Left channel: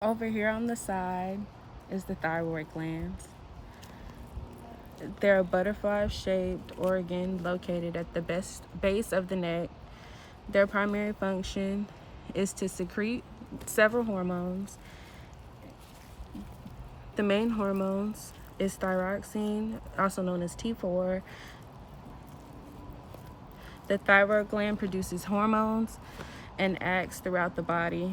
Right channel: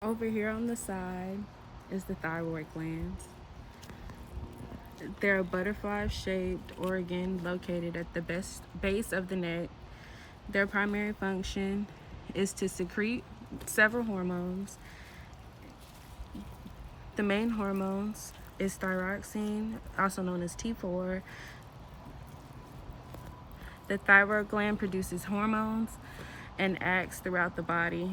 Over here on the side is the thyroid glands. They're a butterfly-shaped organ located at the base of the neck. Their primary function is to secrete several hormones. The main hormones is thyroxine, also known as T4. The thyroid gland produces hormones and acts throughout the body,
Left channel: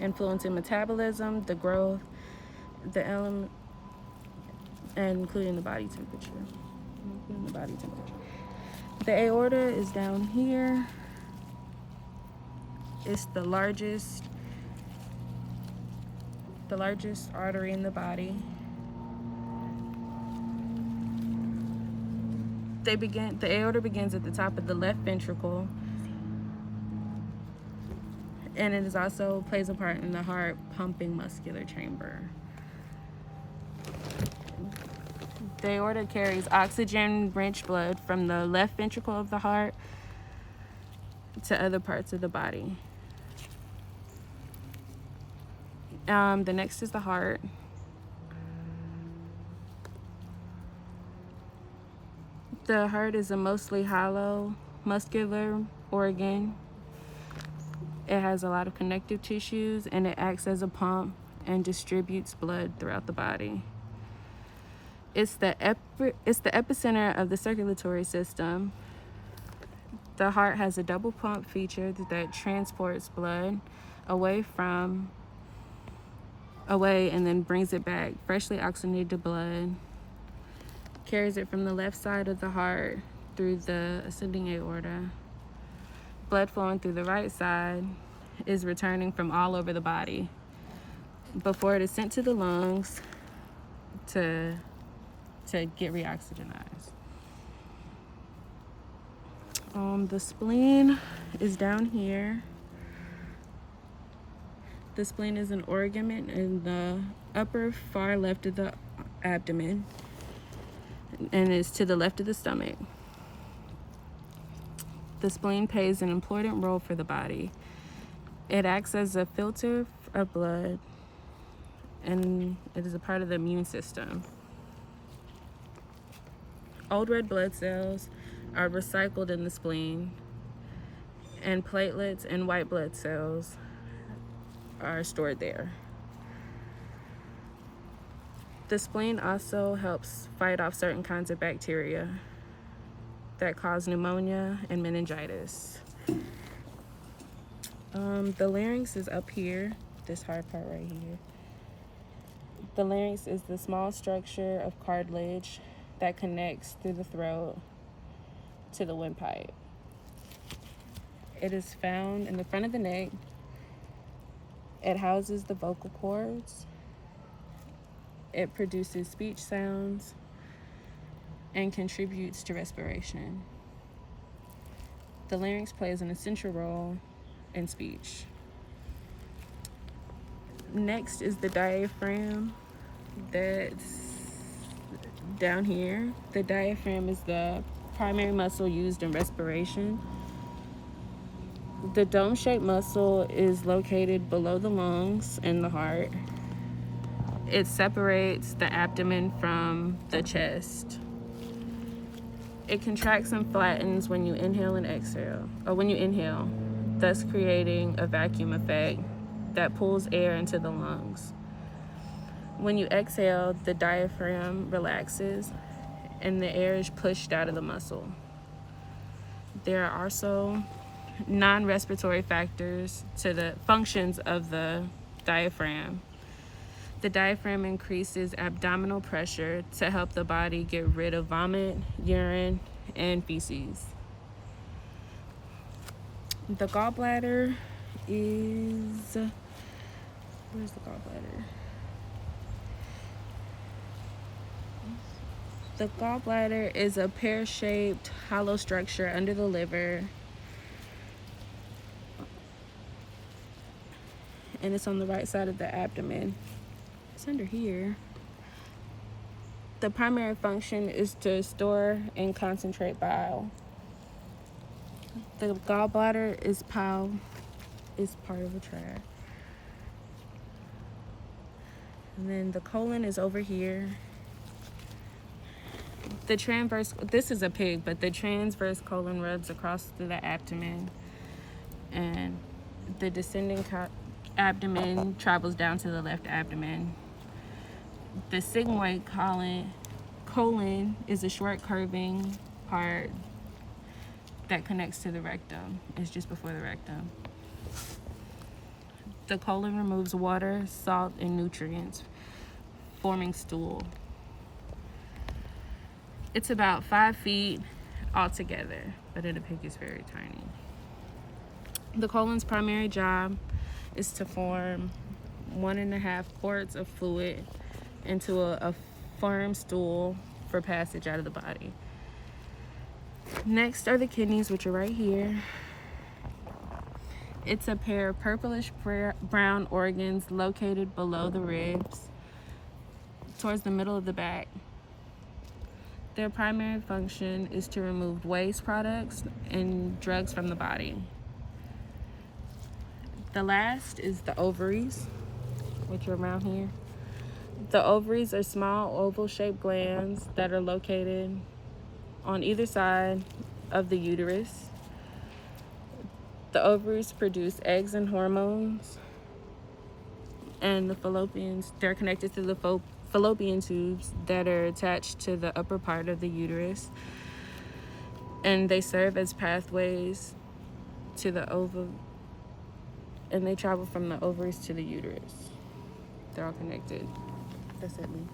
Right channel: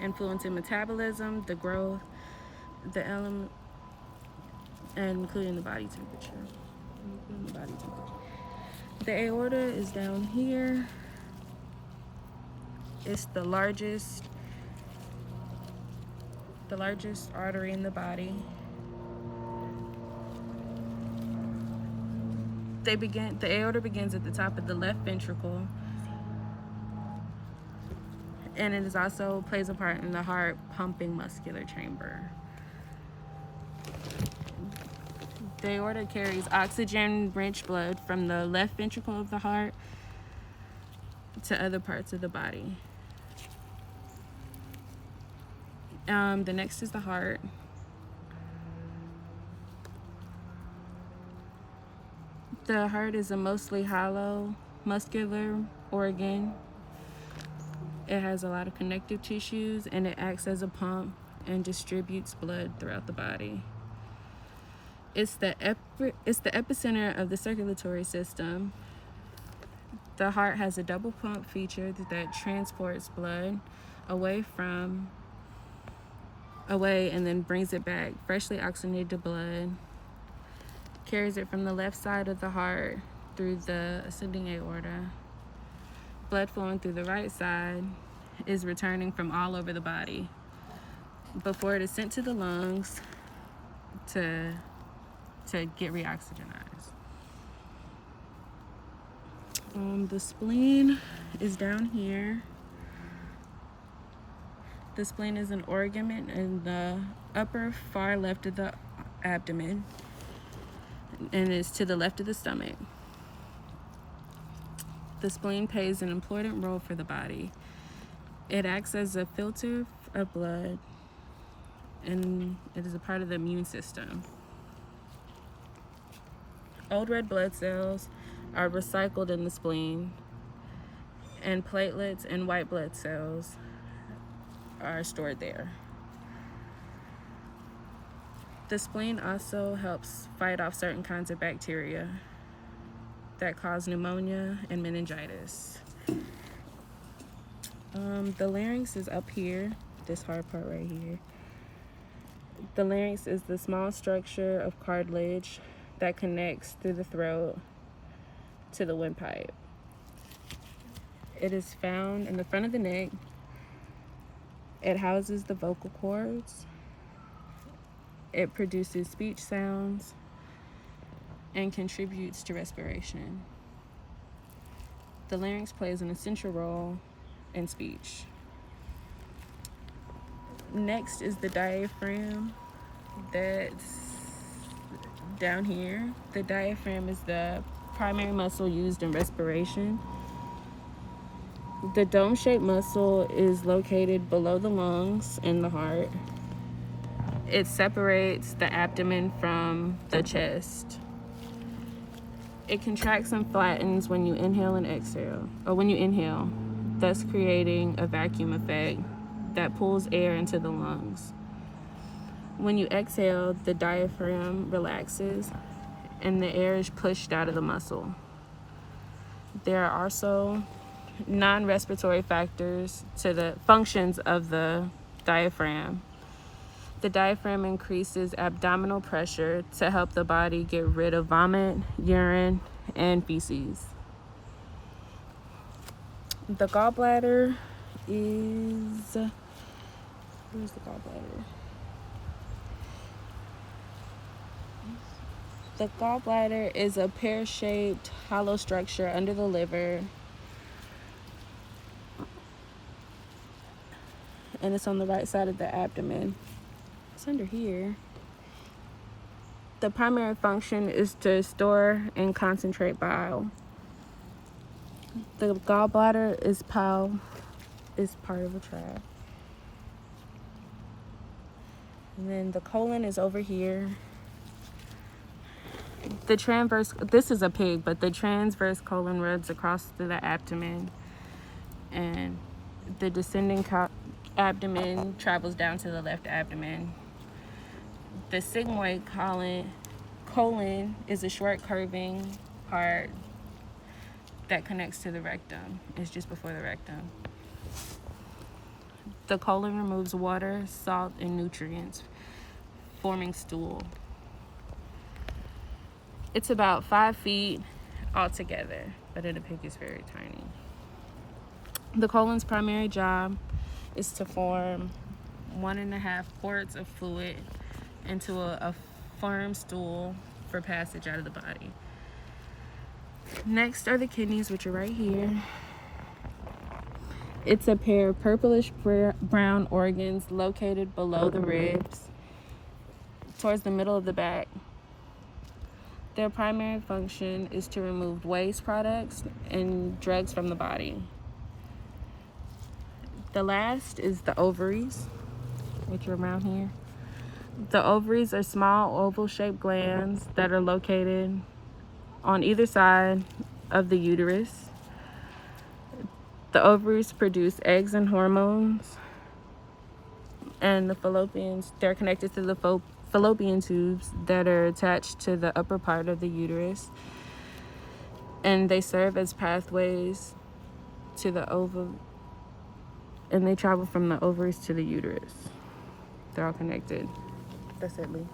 influencing metabolism, the growth, the element, and including the body temperature. The aorta is down here. It's the largest artery in the body. The aorta begins at the top of the left ventricle, and it is also plays a part in the heart pumping muscular chamber. The aorta carries oxygen-rich blood from the left ventricle of the heart to other parts of the body. The next is the heart. The heart is a mostly hollow, muscular organ. It has a lot of connective tissues, and it acts as a pump and distributes blood throughout the body. It's the epicenter of the circulatory system. The heart has a double pump feature that transports blood away and then brings it back, freshly oxygenated blood, carries it from the left side of the heart through the ascending aorta. Blood flowing through the right side is returning from all over the body before it is sent to the lungs to get reoxygenized. The spleen is down here. The spleen is an organ in the upper far left of the abdomen and is to the left of the stomach. The spleen plays an important role for the body. It acts as a filter of blood, and it is a part of the immune system. Old red blood cells are recycled in the spleen, and platelets and white blood cells are stored there. The spleen also helps fight off certain kinds of bacteria that cause pneumonia and meningitis. The larynx is up here, this hard part right here. The larynx is the small structure of cartilage that connects through the throat to the windpipe. It is found in the front of the neck. It houses the vocal cords. It produces speech sounds and contributes to respiration. The larynx plays an essential role in speech. Next is the diaphragm that's down here. The diaphragm is the primary muscle used in respiration. The dome-shaped muscle is located below the lungs and the heart. It separates the abdomen from the chest. It contracts and flattens when you inhale and exhale, or when you inhale, thus creating a vacuum effect that pulls air into the lungs. When you exhale, the diaphragm relaxes and the air is pushed out of the muscle. There are also non-respiratory factors to the functions of the diaphragm. The diaphragm increases abdominal pressure to help the body get rid of vomit, urine, and feces. The gallbladder is... Where's the gallbladder? The gallbladder is a pear-shaped hollow structure under the liver, and it's on the right side of the abdomen. It's under here. The primary function is to store and concentrate bile. The gallbladder is part of a tract. And then the colon is over here. The transverse, this is a pig, but the transverse colon runs across through the abdomen, and the descending abdomen travels down to the left abdomen. The sigmoid colon is a short curving part that connects to the rectum. It's just before the rectum. The colon removes water, salt, and nutrients, forming stool. It's about 5 feet altogether, but in a pig it's very tiny. The colon's primary job is to form 1.5 quarts of fluid into a firm stool for passage out of the body. Next are the kidneys, which are right here. It's a pair of purplish brown organs located below the ribs, towards the middle of the back. Their primary function is to remove waste products and drugs from the body. The last is the ovaries, which are around here. The ovaries are small oval-shaped glands that are located on either side of the uterus. The ovaries produce eggs and hormones, and the fallopians, they're connected to the fallopian tubes that are attached to the upper part of the uterus, and they serve as pathways to the ovum, and they travel from the ovaries to the uterus. They're all connected. That's it, Lee.